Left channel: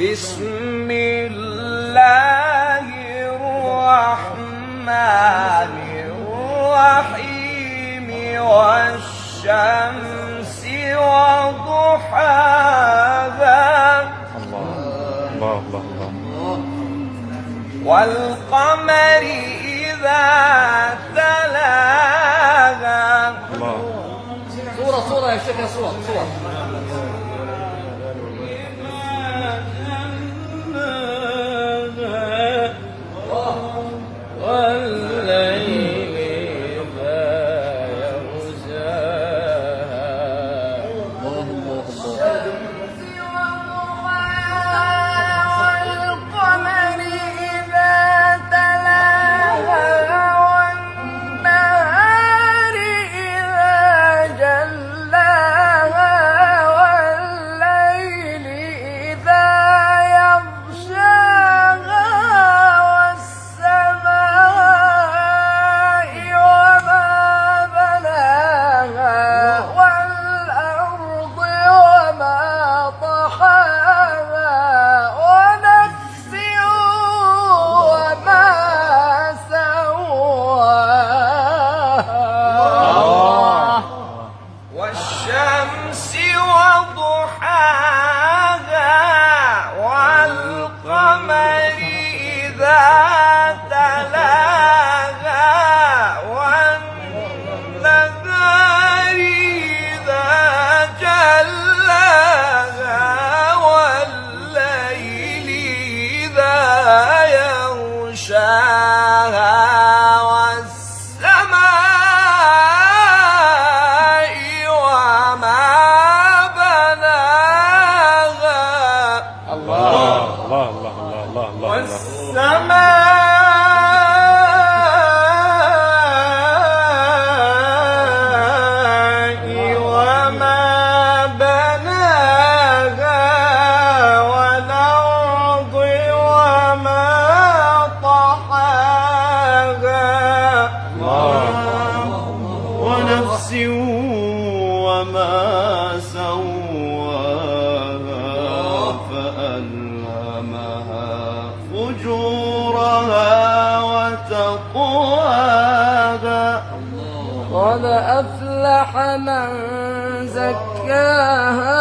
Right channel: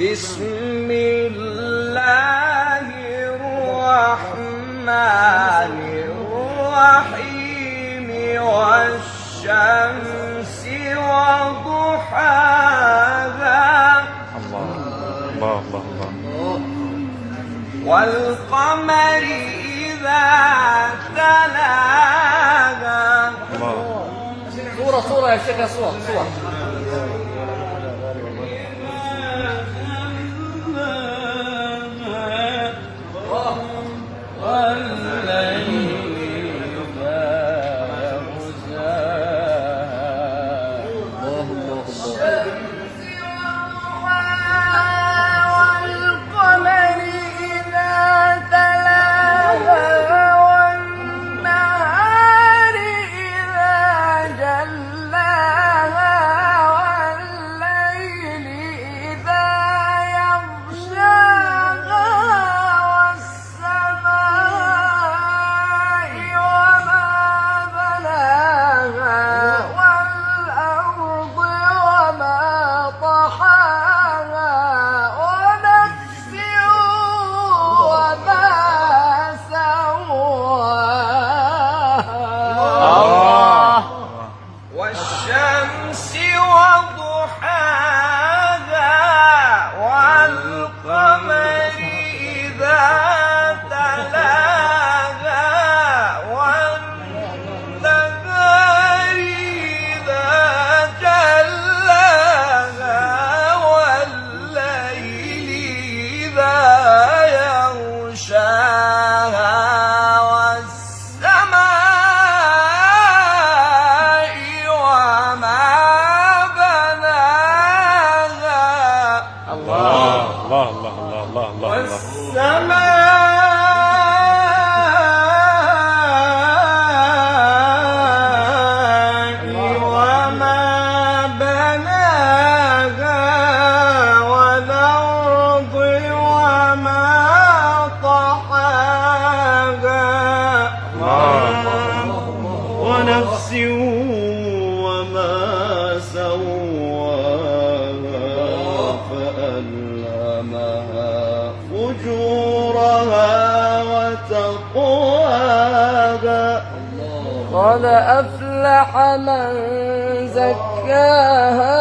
بسم الله الرحمن الرحيم والشمس وضحاها والقمر إذا تلاها صورة يا شيخ، يا صور والشمس وضحاها والقمر إذا تلاها والنهار إذا جلاها والليل إذا يغشاها والسماء وما بناها والأرض وما طحاها ونفس وما سواها فألهمها فجورها وتقواها قد أفلح من زكاها